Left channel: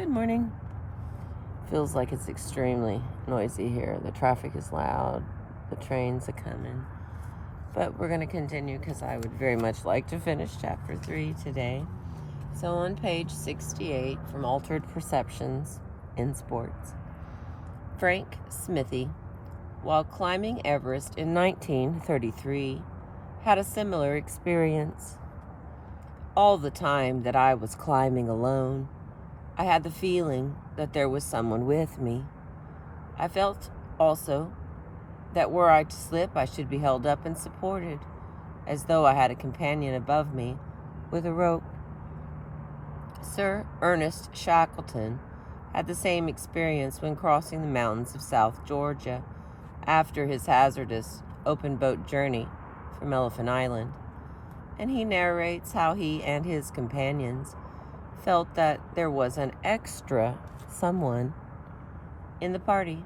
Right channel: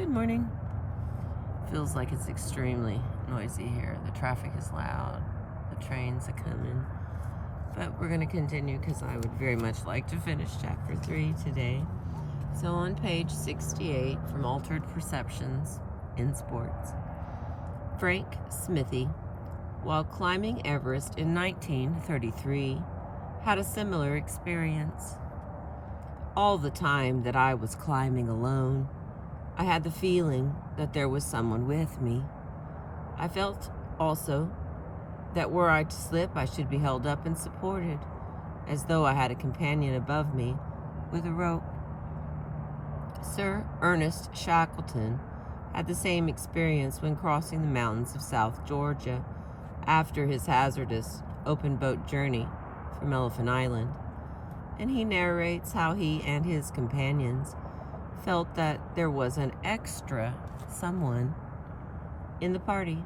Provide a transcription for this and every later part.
Good morning. Feels like it's extremely noisy here. The traffic is loud. The trains are coming. But we're going to continue because I would very much like to finish chapter 3 today. So on page 68 from Altered Perceptions in Sports, Frank Smithy, while climbing Everest in 1933, had a similar experience. All the time that I was climbing alone, I had the feeling that there was someone with me. I felt also that were I to slip, I should be held up and supported, as though I had a companion above me with a rope. Sir Ernest Shackleton had the same experience when crossing the mountains of South Georgia after his hazardous open boat journey from Elephant Island, and he narrates how he and his companions felt that there was an extra someone in the party.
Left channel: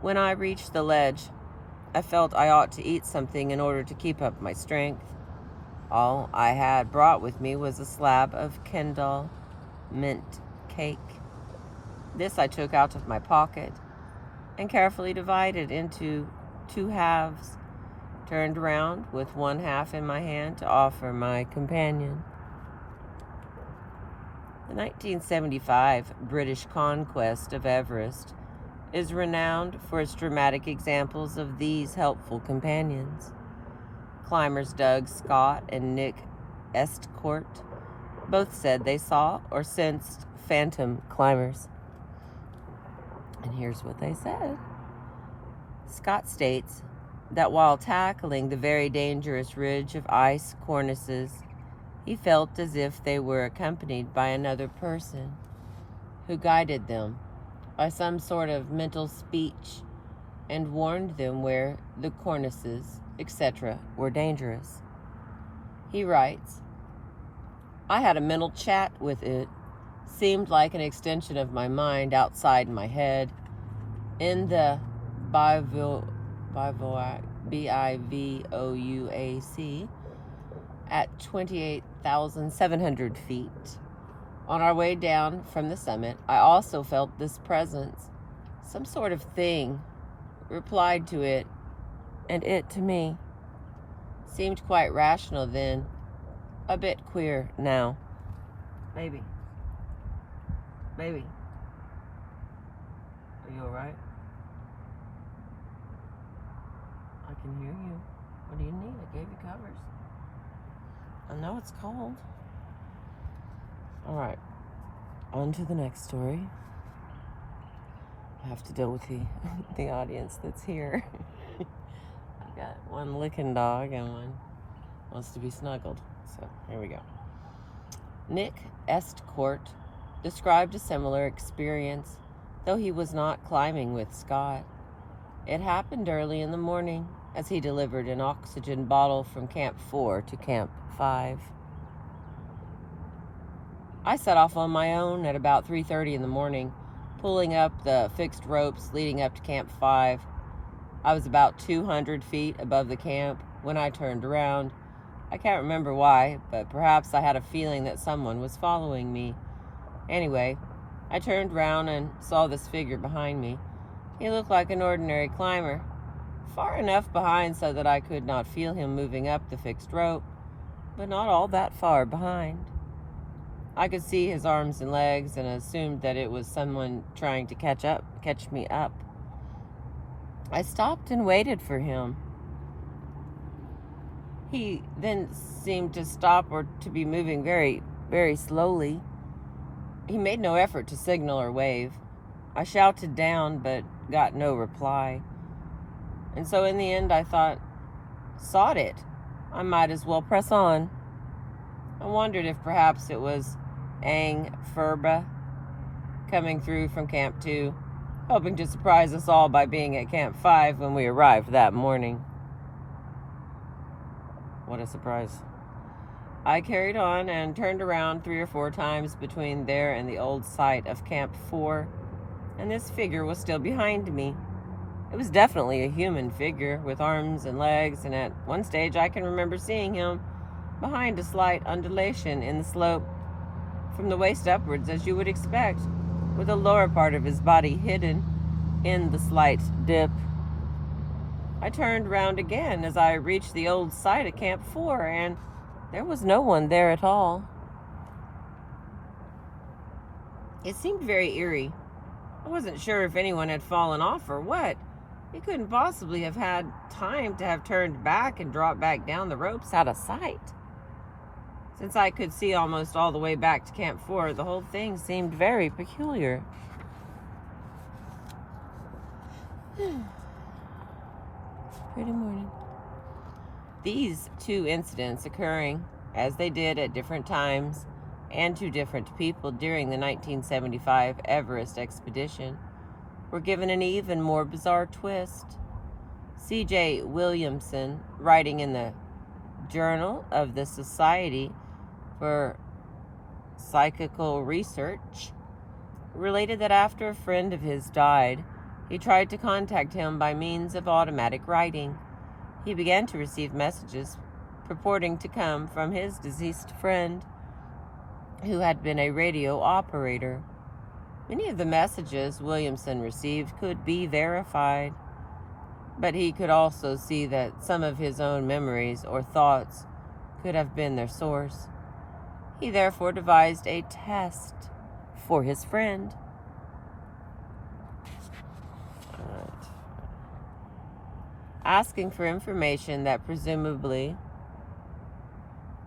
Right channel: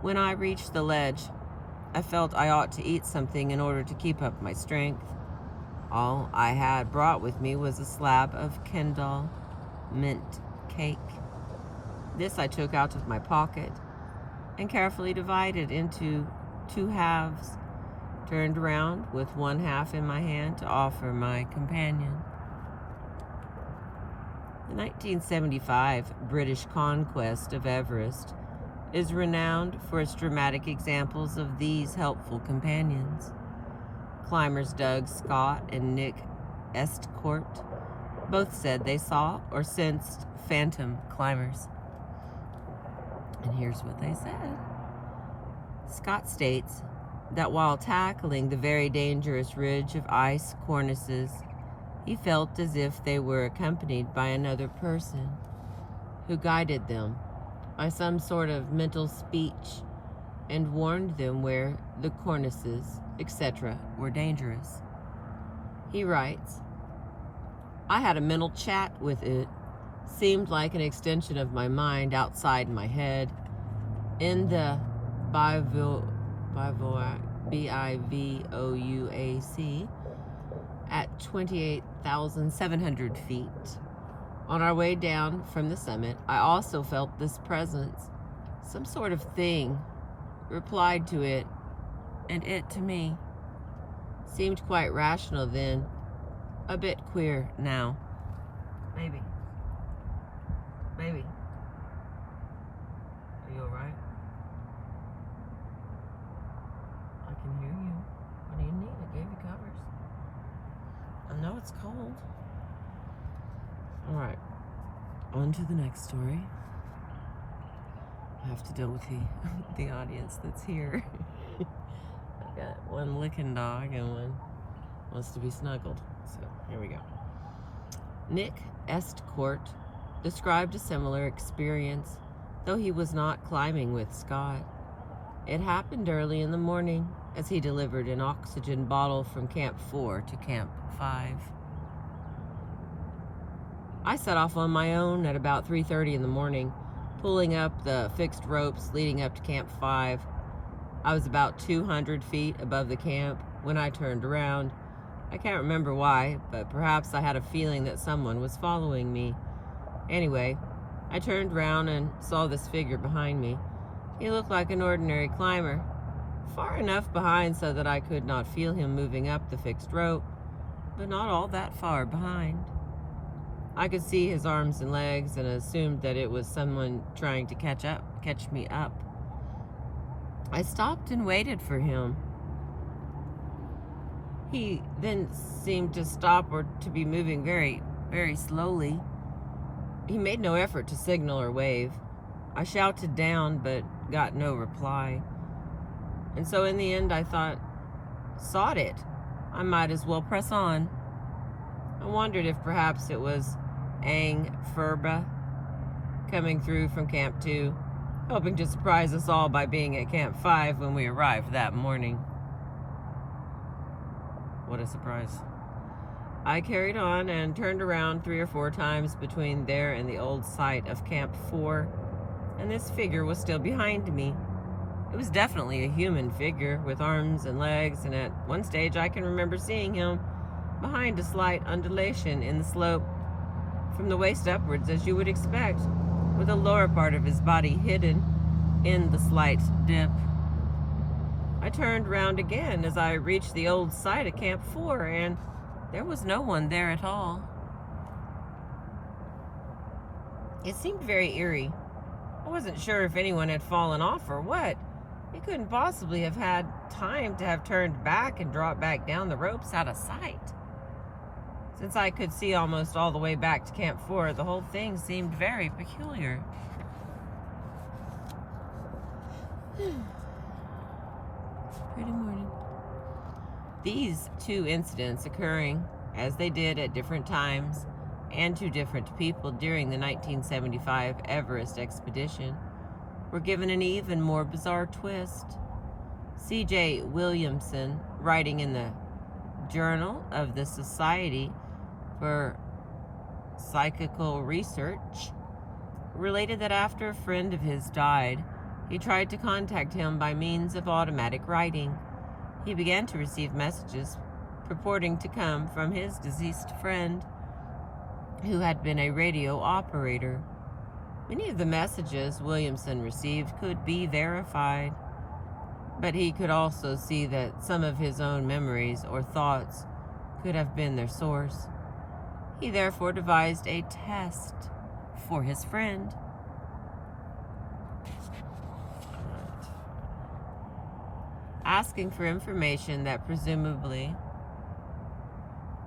When I reached the ledge, I felt I ought to eat something in order to keep up my strength. All I had brought with me was a slab of Kendal mint cake. This I took out of my pocket and carefully divided into 2 halves, turned around with 1 half in my hand to offer my companion. The 1975 British conquest of Everest is renowned for its dramatic examples of these helpful companions. Climbers Doug Scott and Nick Estcourt both said they saw or sensed phantom climbers. And here's what they said. Scott states that while tackling the very dangerous ridge of ice cornices, he felt as if they were accompanied by another person who guided them by some sort of mental speech and warned them where the cornices, etc., were dangerous. He writes, I had a mental chat with it, seemed like an extension of my mind outside my head, in the bivouac, B-I-V-O-U-A-C, at 28,700 feet. On our way down from the summit, I also felt this presence. Some sort of thing replied to it, and it to me. Seemed quite rational then, a bit queer now. Baby. Baby. Are you alright? I can hear you. What do you need? I gave you covers. I know it's cold. All right, on to the next story. I have to deal with the audience that's here. I've got one licking dog and one wants to be snuggled. So here we go. Nick Estcourt described a similar experience, though he was not climbing with Scott. It happened early in the morning as he delivered an oxygen bottle from Camp 4 to Camp 5. I set off on my own at about 3:30 in the morning, pulling up the fixed ropes leading up to Camp 5. I was about 200 feet above the camp when I turned around. I can't remember why, but perhaps I had a feeling that someone was following me. Anyway, I turned around and saw this figure behind me. He looked like an ordinary climber, far enough behind so that I could not feel him moving up the fixed rope, but not all that far behind. I could see his arms and legs and assumed that it was someone trying to catch me up. I stopped and waited for him. He then seemed to stop or to be moving very, very slowly. He made no effort to signal or wave. I shouted down but got no reply. And so in the end I thought, sod it, I might as well press on. I wondered if perhaps it was Ang Furba coming through from Camp 2, hoping to surprise us all by being at Camp 5 when we arrived that morning. What a surprise. I carried on and turned around 3 or 4 times between there and the old site of Camp 4, and this figure was still behind me. It was definitely a human figure with arms and legs, and at one stage I can remember seeing him behind a slight undulation in the slope from the waist upwards, as you would expect, with the lower part of his body hidden in the slight dip. I turned round again as I reached the old site of Camp 4, and there was no one there at all. It seemed very eerie. I wasn't sure if anyone had fallen off or what. He couldn't possibly have had time to have turned back and dropped back down the ropes out of sight. Since I could see almost all the way back to Camp 4, the whole thing seemed very peculiar. Pretty morning. These two incidents occurring, as they did at different times and to different people during the 1975 Everest expedition, were given an even more bizarre twist. C.J. Williamson, writing in the Journal of the Society for Psychical Research, related that after a friend of his died, he tried to contact him by means of automatic writing. He began to receive messages purporting to come from his deceased friend, who had been a radio operator. Many of the messages Williamson received could be verified, but he could also see that some of his own memories or thoughts could have been their source. He therefore devised a test for his friend. Asking for information that presumably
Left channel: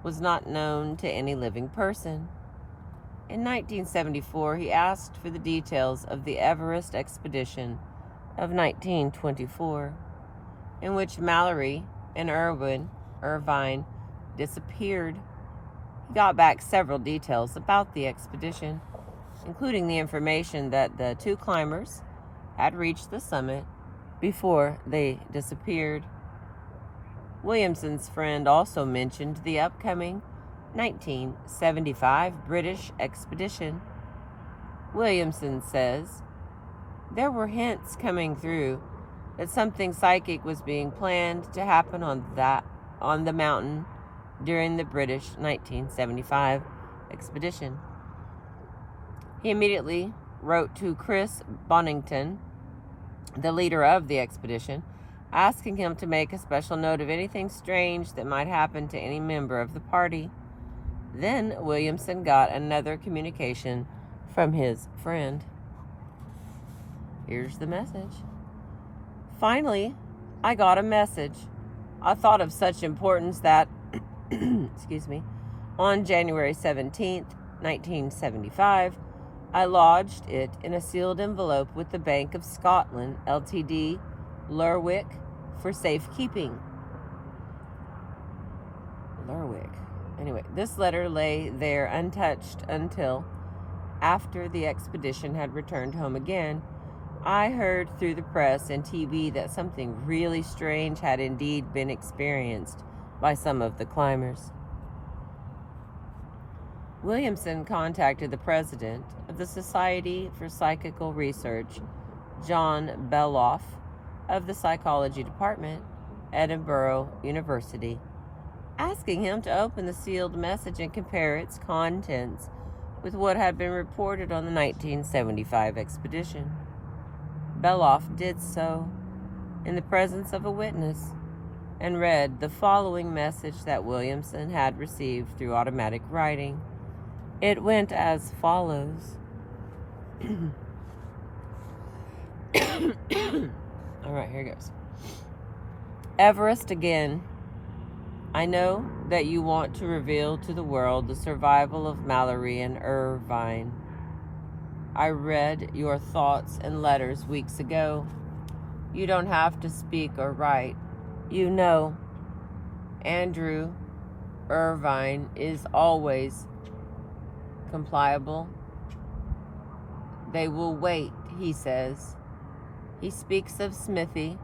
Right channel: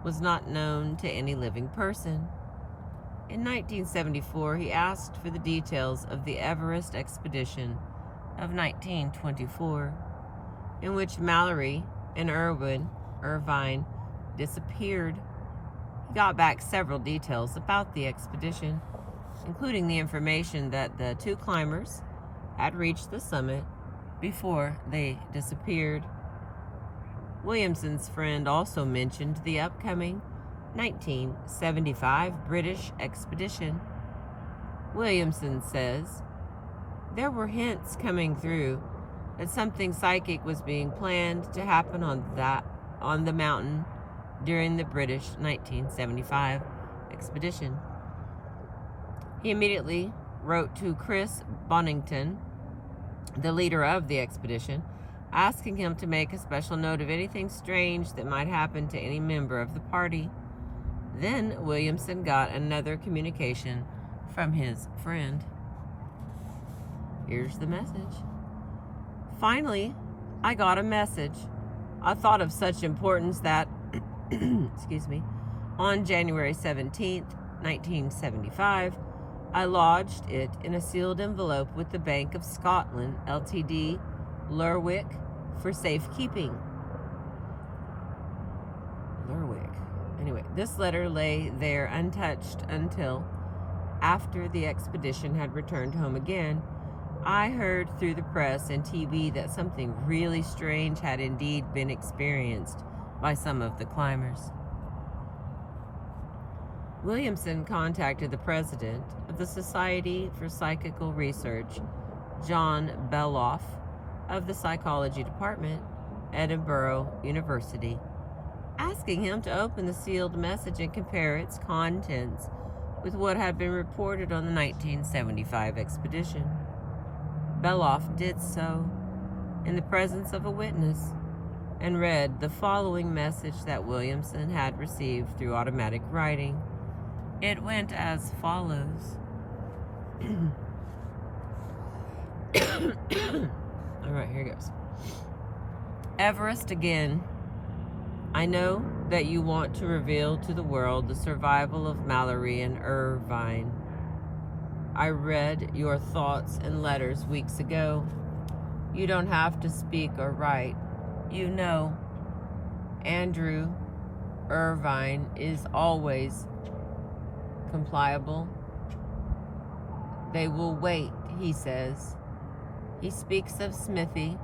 was not known to any living person. In 1974, he asked for the details of the Everest expedition of 1924, in which Mallory and Irvine disappeared. He got back several details about the expedition, including the information that the two climbers had reached the summit before they disappeared. Williamson's friend also mentioned the upcoming 1975 British expedition. Williamson says there were hints coming through that something psychic was being planned to happen on the mountain during the British 1975 expedition. He immediately wrote to Chris Bonington, the leader of the expedition, asking him to make a special note of anything strange that might happen to any member of the party. Then Williamson got another communication from his friend. Here's the message. Finally, I got a message. I thought of such importance that, on January 17th, 1975, I lodged it in a sealed envelope with the Bank of Scotland, Ltd., Lerwick, for safekeeping. Lerwick. Anyway, this letter lay there untouched until, after the expedition had returned home again, I heard through the press and TV that something really strange had indeed been experienced by some of the climbers. Williamson contacted the president of the Society for Psychical Research, John Beloff, of the Psychology Department, Edinburgh University, asking him to open the sealed message and compare its contents with what had been reported on the 1975 expedition. Beloff did so in the presence of a witness and read the following message that Williamson had received through automatic writing. It went as follows. All right, here goes. Everest again. I know that you want to reveal to the world the survival of Mallory and Irvine. I read your thoughts and letters weeks ago. You don't have to speak or write. You know, Andrew Irvine is always compliable. They will wait, he says. He speaks of Smithy,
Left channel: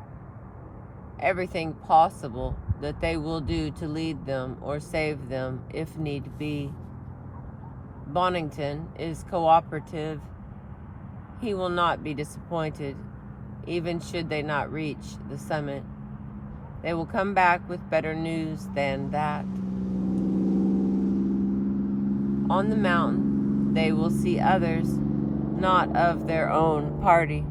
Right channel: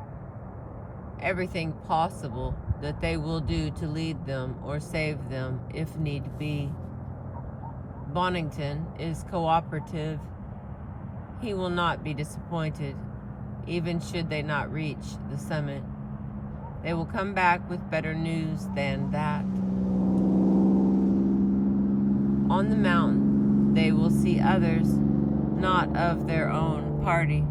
everything possible that they will do to lead them or save them if need be. Bonington is cooperative. He will not be disappointed, even should they not reach the summit. They will come back with better news than that. On the mountain, they will see others not of their own party,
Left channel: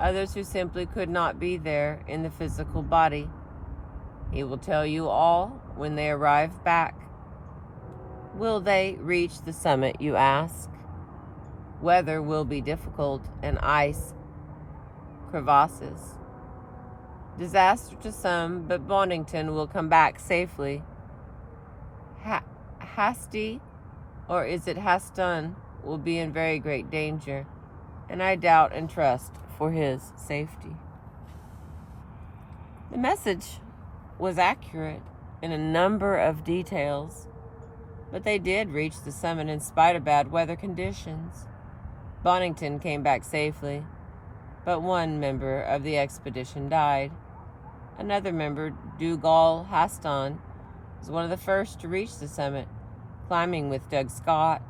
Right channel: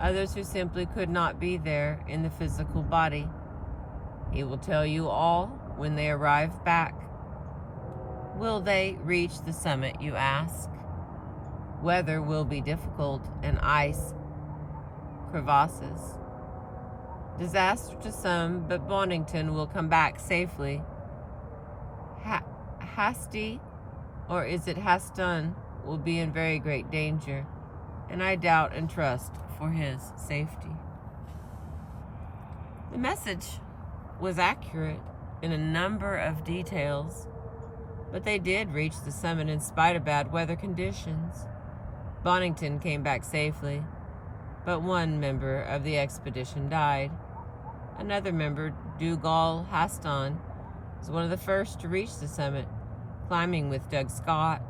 others who simply could not be there in the physical body. He will tell you all when they arrive back. Will they reach the summit, you ask? Weather will be difficult and ice crevasses. Disaster to some, but Bonington will come back safely. Hasty, or is it Haston, will be in very great danger, and I doubt and trust for his safety. The message was accurate in a number of details, but they did reach the summit in spite of bad weather conditions. Bonington came back safely, but one member of the expedition died. Another member, Dougal Haston, was one of the first to reach the summit, climbing with Doug Scott.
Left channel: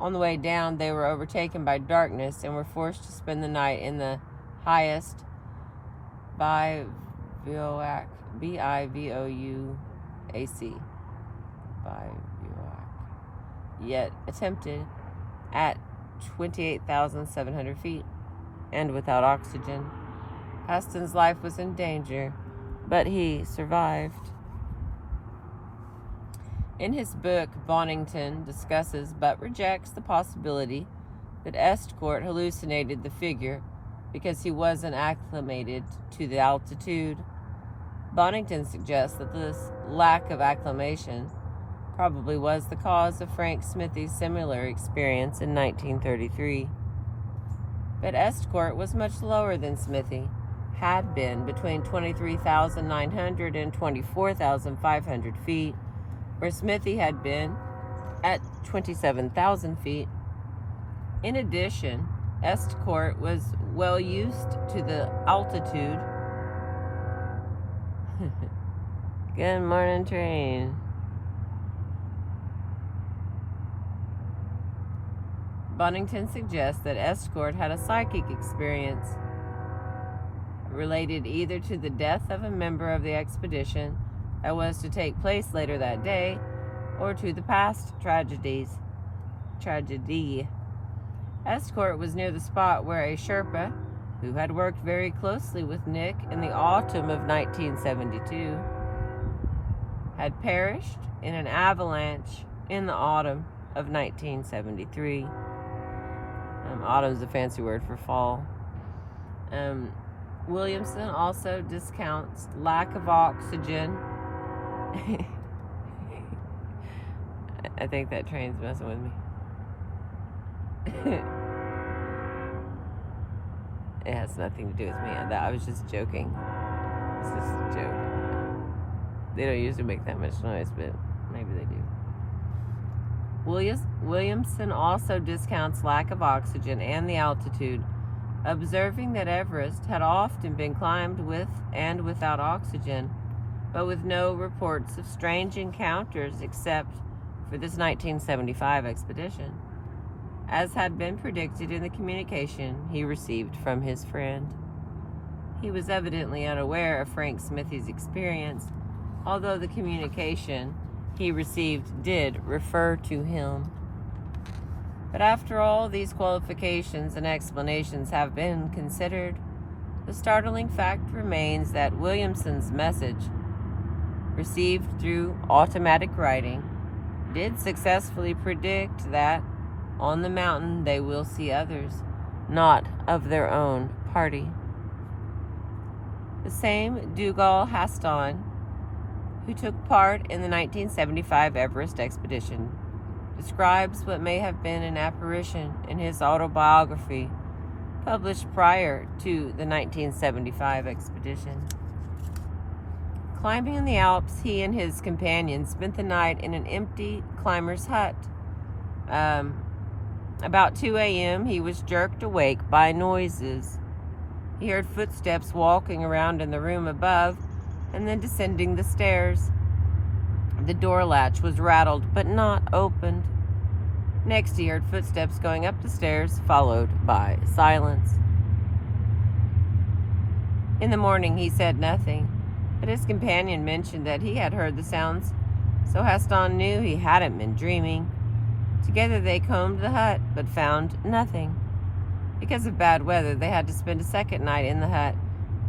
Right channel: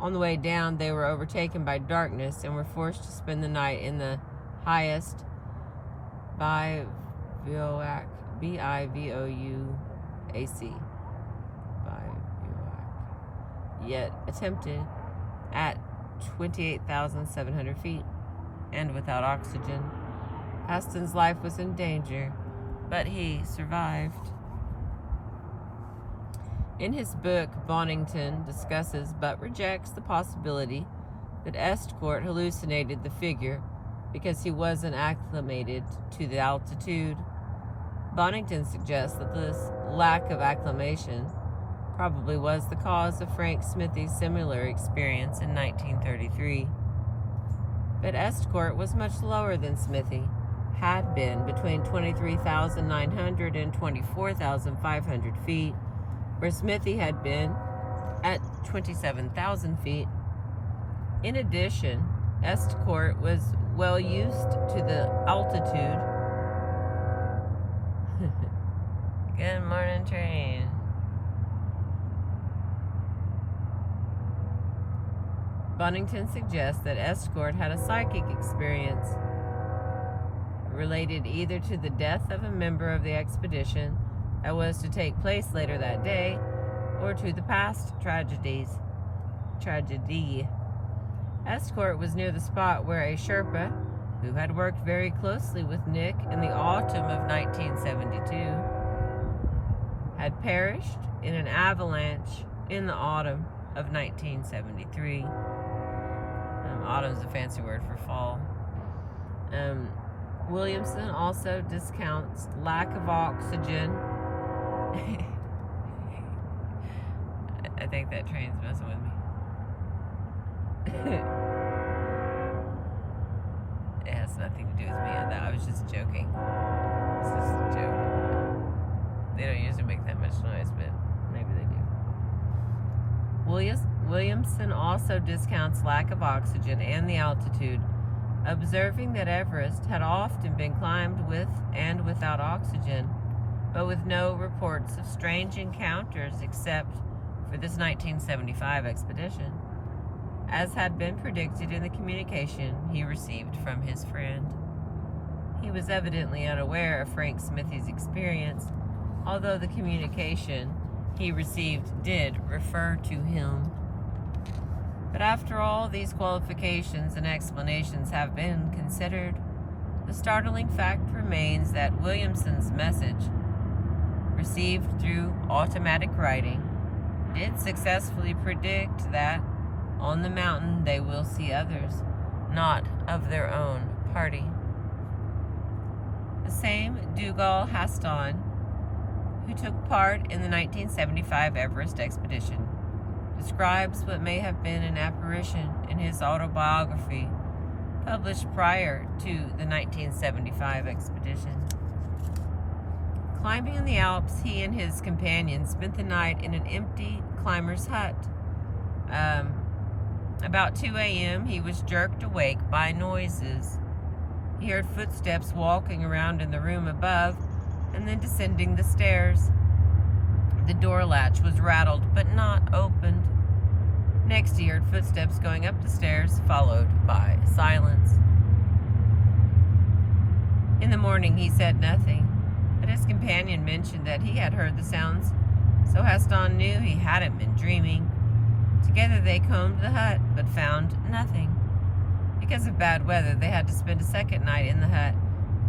On the way down, they were overtaken by darkness and were forced to spend the night in the highest bivouac, B-I-V-O-U-A-C, bivouac, yet attempted at 28,700 feet and without oxygen. Haston's life was in danger, but he survived. In his book, Bonington discusses but rejects the possibility that Estcourt hallucinated the figure because he wasn't acclimated to the altitude. Bonington suggests that this lack of acclimation probably was the cause of Frank Smithy's similar experience in 1933. But Estcourt was much lower than Smithy had been, between 23,900 and 24,500 feet, where Smithy had been at 27,000 feet. In addition, Estcourt was well used to the altitude. Good morning, train. Bonington suggests that Estcourt had a psychic experience related either to the death of a member of the expedition that was to take place later that day, or to the past tragedy. Estcourt was near the spot where a Sherpa, who had worked very closely with Nick in the autumn of 1972, had perished in an avalanche in the autumn of 1973. Autumn's a fancy word for fall. Williamson also discounts lack of oxygen. I think that train's messing with me. It has nothing to do with me. I was just joking. It's just a joke. They don't usually make that much noise, but maybe they do. Williamson also discounts lack of oxygen and the altitude, observing that Everest had often been climbed with and without oxygen, but with no reports of strange encounters except for this 1975 expedition, as had been predicted in the communication he received from his friend. He was evidently unaware of Frank Smithy's experience, although the communication he received did refer to him. But after all these qualifications and explanations have been considered, the startling fact remains that Williamson's message, received through automatic writing, did successfully predict that on the mountain they will see others, not of their own party. The same Dougal Haston, who took part in the 1975 Everest expedition, describes what may have been an apparition in his autobiography, published prior to the 1975 expedition. Climbing in the Alps, he and his companions spent the night in an empty climber's hut. About 2 a.m., he was jerked awake by noises. He heard footsteps walking around in the room above and then descending the stairs. The door latch was rattled but not opened. Next, he heard footsteps going up the stairs, followed by silence. In the morning, he said nothing, but his companion mentioned that he had heard the sounds, so Haston knew he hadn't been dreaming. Together they combed the hut, but found nothing. Because of bad weather, they had to spend a second night in the hut,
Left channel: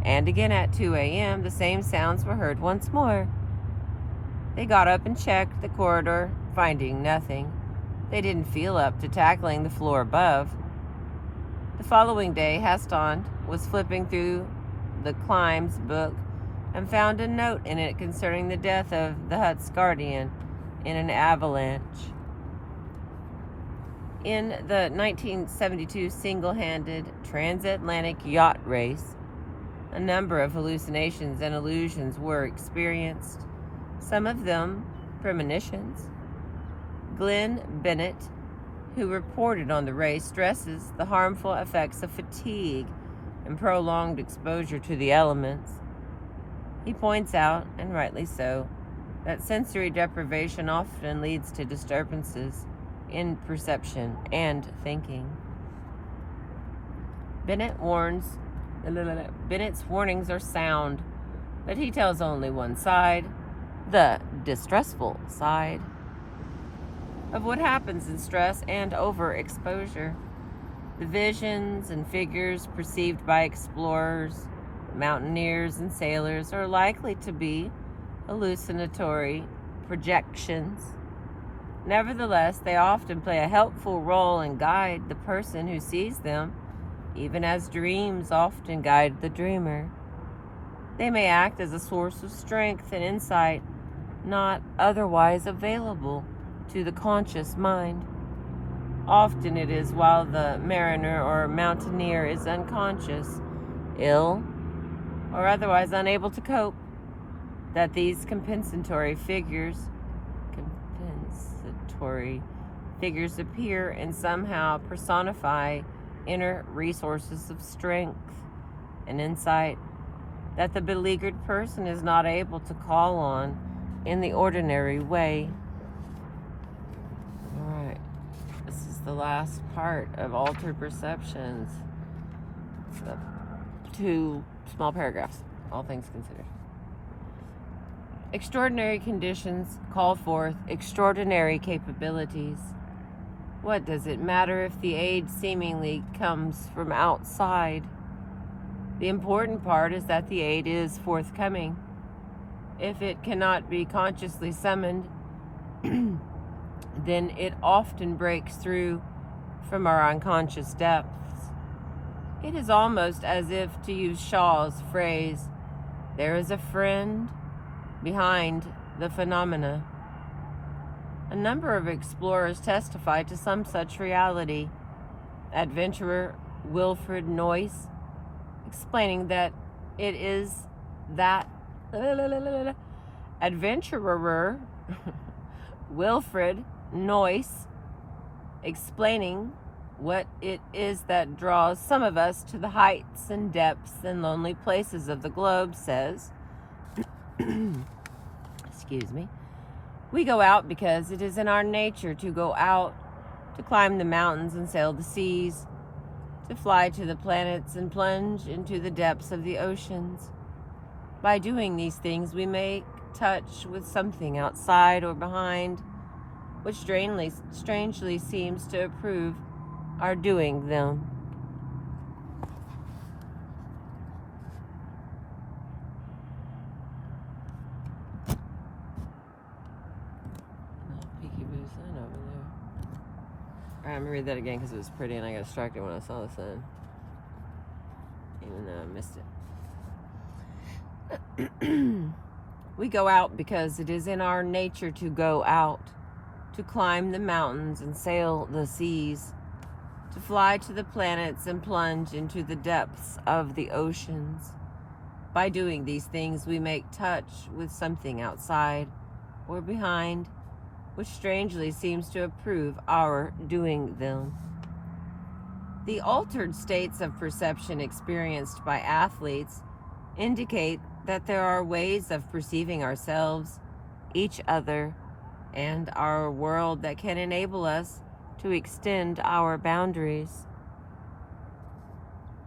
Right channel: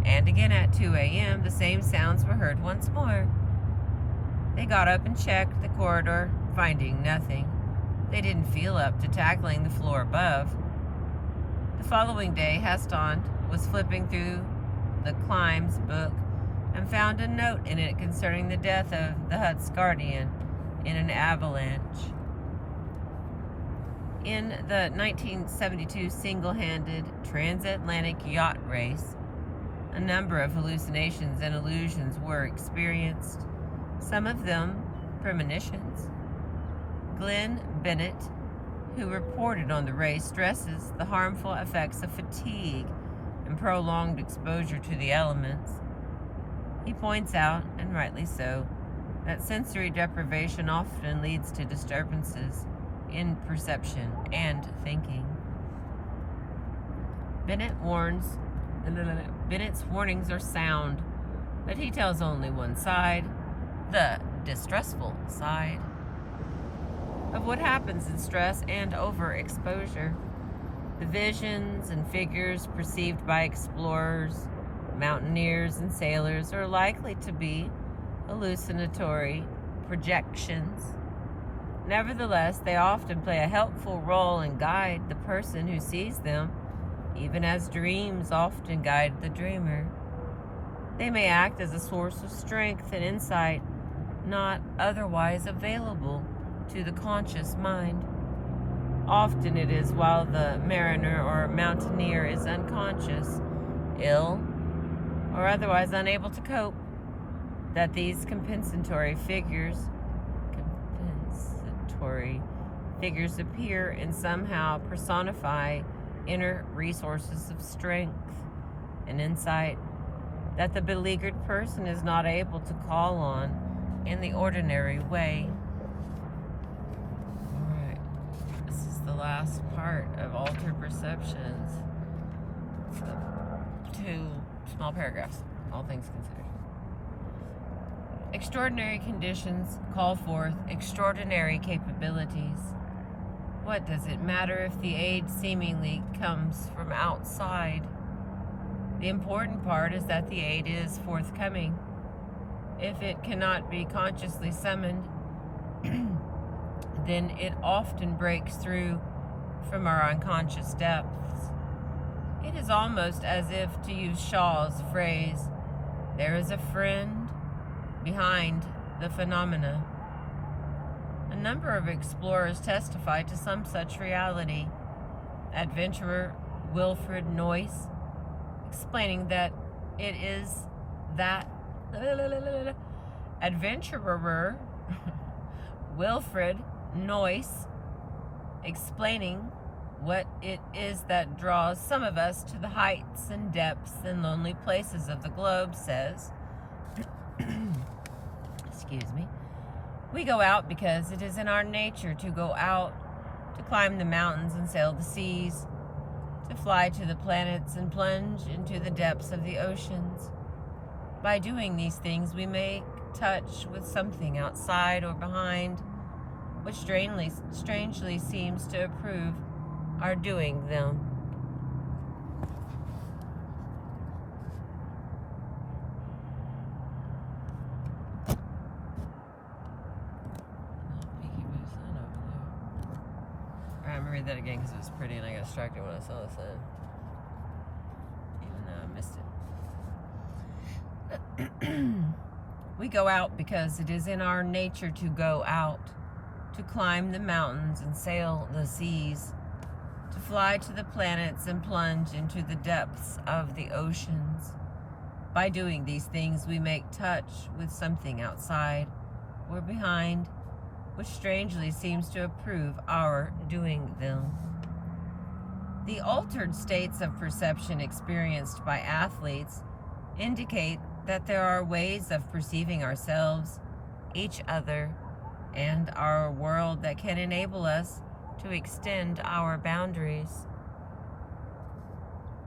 and again at 2 a.m. the same sounds were heard once more. They got up and checked the corridor, finding nothing. They didn't feel up to tackling the floor above. The following day, Haston was flipping through the Climbs book and found a note in it concerning the death of the hut's guardian in an avalanche. In the 1972 single-handed transatlantic yacht race, a number of hallucinations and illusions were experienced, some of them premonitions. Glenn Bennett, who reported on the race, stresses the harmful effects of fatigue and prolonged exposure to the elements. He points out, and rightly so, that sensory deprivation often leads to disturbances in perception and thinking. Bennett's warnings are sound, but he tells only one side, the distressful side, of what happens in stress and overexposure. The visions and figures perceived by explorers, mountaineers, and sailors are likely to be hallucinatory projections. Nevertheless, they often play a helpful role and guide the person who sees them, even as dreams often guide the dreamer. They may act as a source of strength and insight not otherwise available to the conscious mind. Often it is while the mariner or mountaineer is unconscious, ill, or otherwise unable to cope, that these compensatory figures appear and somehow personify inner resources of strength and insight that the beleaguered person is not able to call on in the ordinary way. All right, this is the last part of Altered Perceptions. 2 small paragraphs, all things considered. Extraordinary conditions call forth extraordinary capabilities. What does it matter if the aid seemingly comes from outside? The important part is that the aid is forthcoming. If it cannot be consciously summoned, then it often breaks through from our unconscious depths. It is almost as if, to use Shaw's phrase, there is a friend behind the phenomena. A number of explorers testify to some such reality. Adventurer Wilfred Noyce, explaining that it is that adventurer Wilfred Noyce, explaining what it is that draws some of us to the heights and depths and lonely places of the globe, says, excuse me, we go out because it is in our nature to go out, to climb the mountains and sail the seas, to fly to the planets and plunge into the depths of the oceans. By doing these things, we make touch with something outside or behind, which strangely seems to approve our doing them. I'm gonna read that again because it was pretty and I got distracted when I saw the sun, even though I missed it. We go out because it is in our nature to go out, to climb the mountains and sail the seas, to fly to the planets and plunge into the depths of the oceans. By doing these things, we make touch with something outside or behind, which strangely seems to approve our doing them. The altered states of perception experienced by athletes indicate that there are ways of perceiving ourselves, each other, and our world that can enable us to extend our boundaries.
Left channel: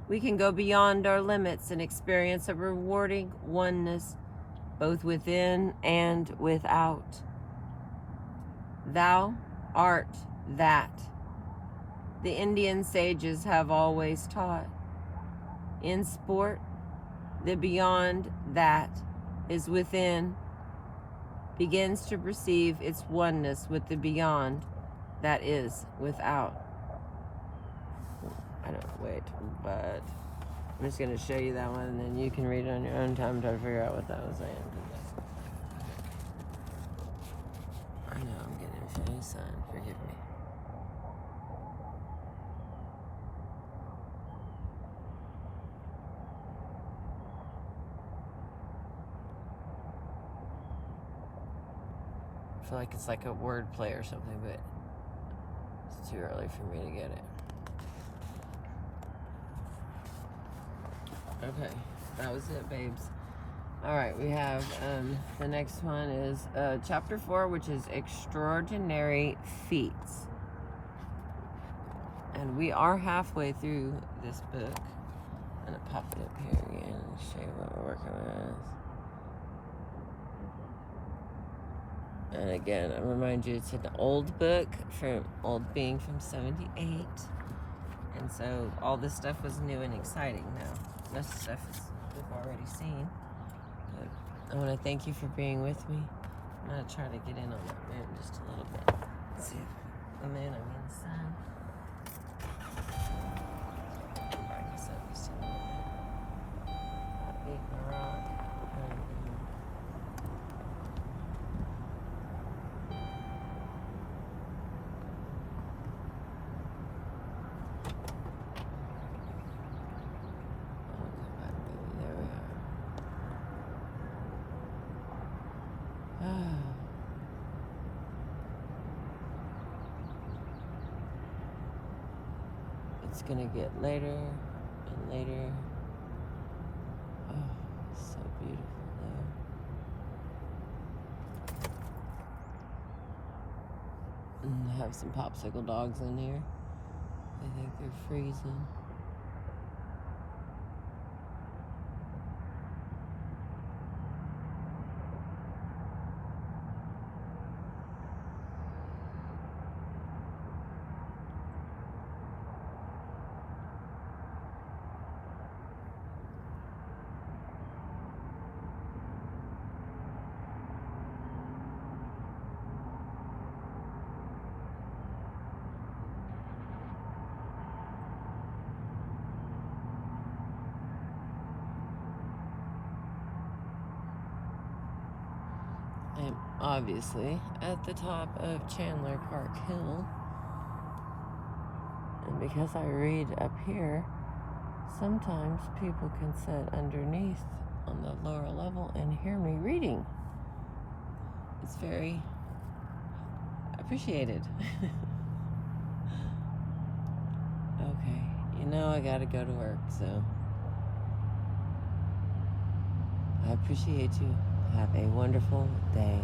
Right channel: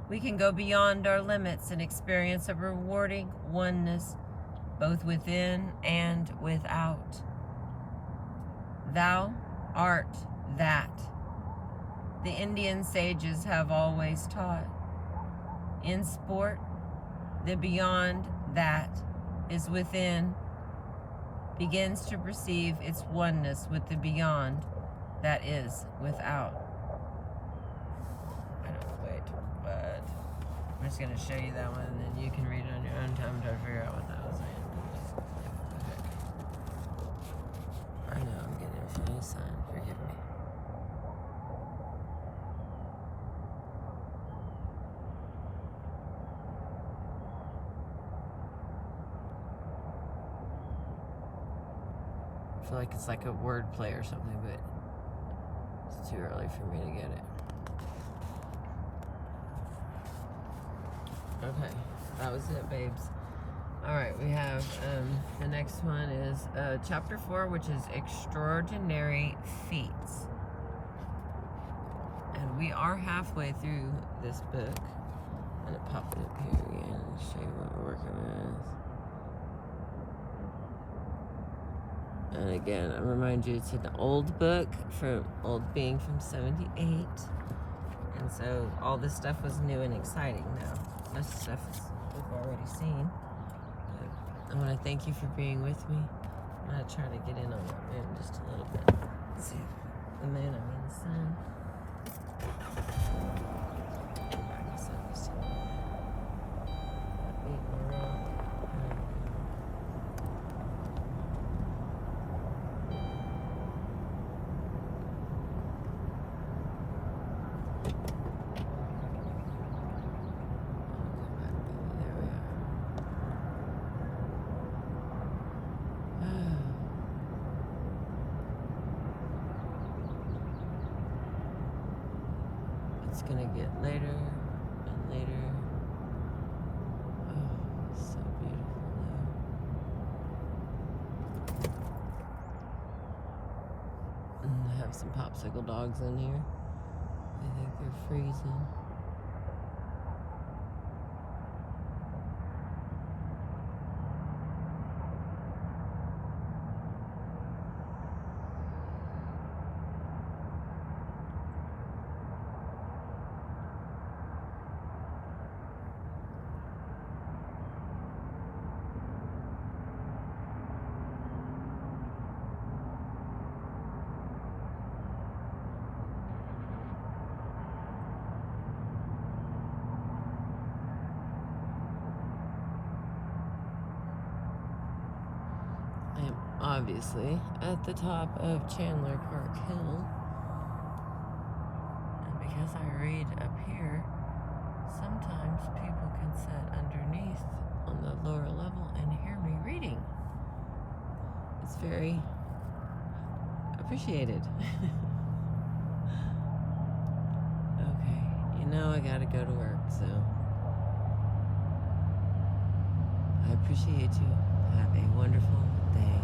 We can go beyond our limits and experience a rewarding oneness, both within and without. Thou art that the Indian sages have always taught. In sport, the beyond that is within begins to perceive its oneness with the beyond that is without. I don't wait, but I'm just going to show you that one, and then you can read it on your own time and try to figure out what that was saying. I know I'm getting a funny sign. Forgive me. I feel like it's like a word play or something, but it's too early for me to get it. Okay, that was it, babes. All right, we have the next one is chapter 4, which is extraordinary feats. And we are halfway through this book. I'm gonna pop it up here again and show you what we're working with. And again, I remind you, it's an old book, being from 78. And so all this stuff was new and exciting now. Most stuff is we've already seen. But I want to thank you for being with me. I'm going to try to get in on that moon just a little bit. Let's see. The moon, I mean the sun. The sun is still beating the rock. It's gonna get later and later. Oh, it's so beautiful though. And I have some popsicle dogs in here. I think they're freezing. I'm obviously at the top of Chandler Park Hill, and because I read up here, sometimes people can sit underneath on the lower level and hear me reading. It's very appreciated. Okay, you know I gotta go to work, so I appreciate you. Have a wonderful day.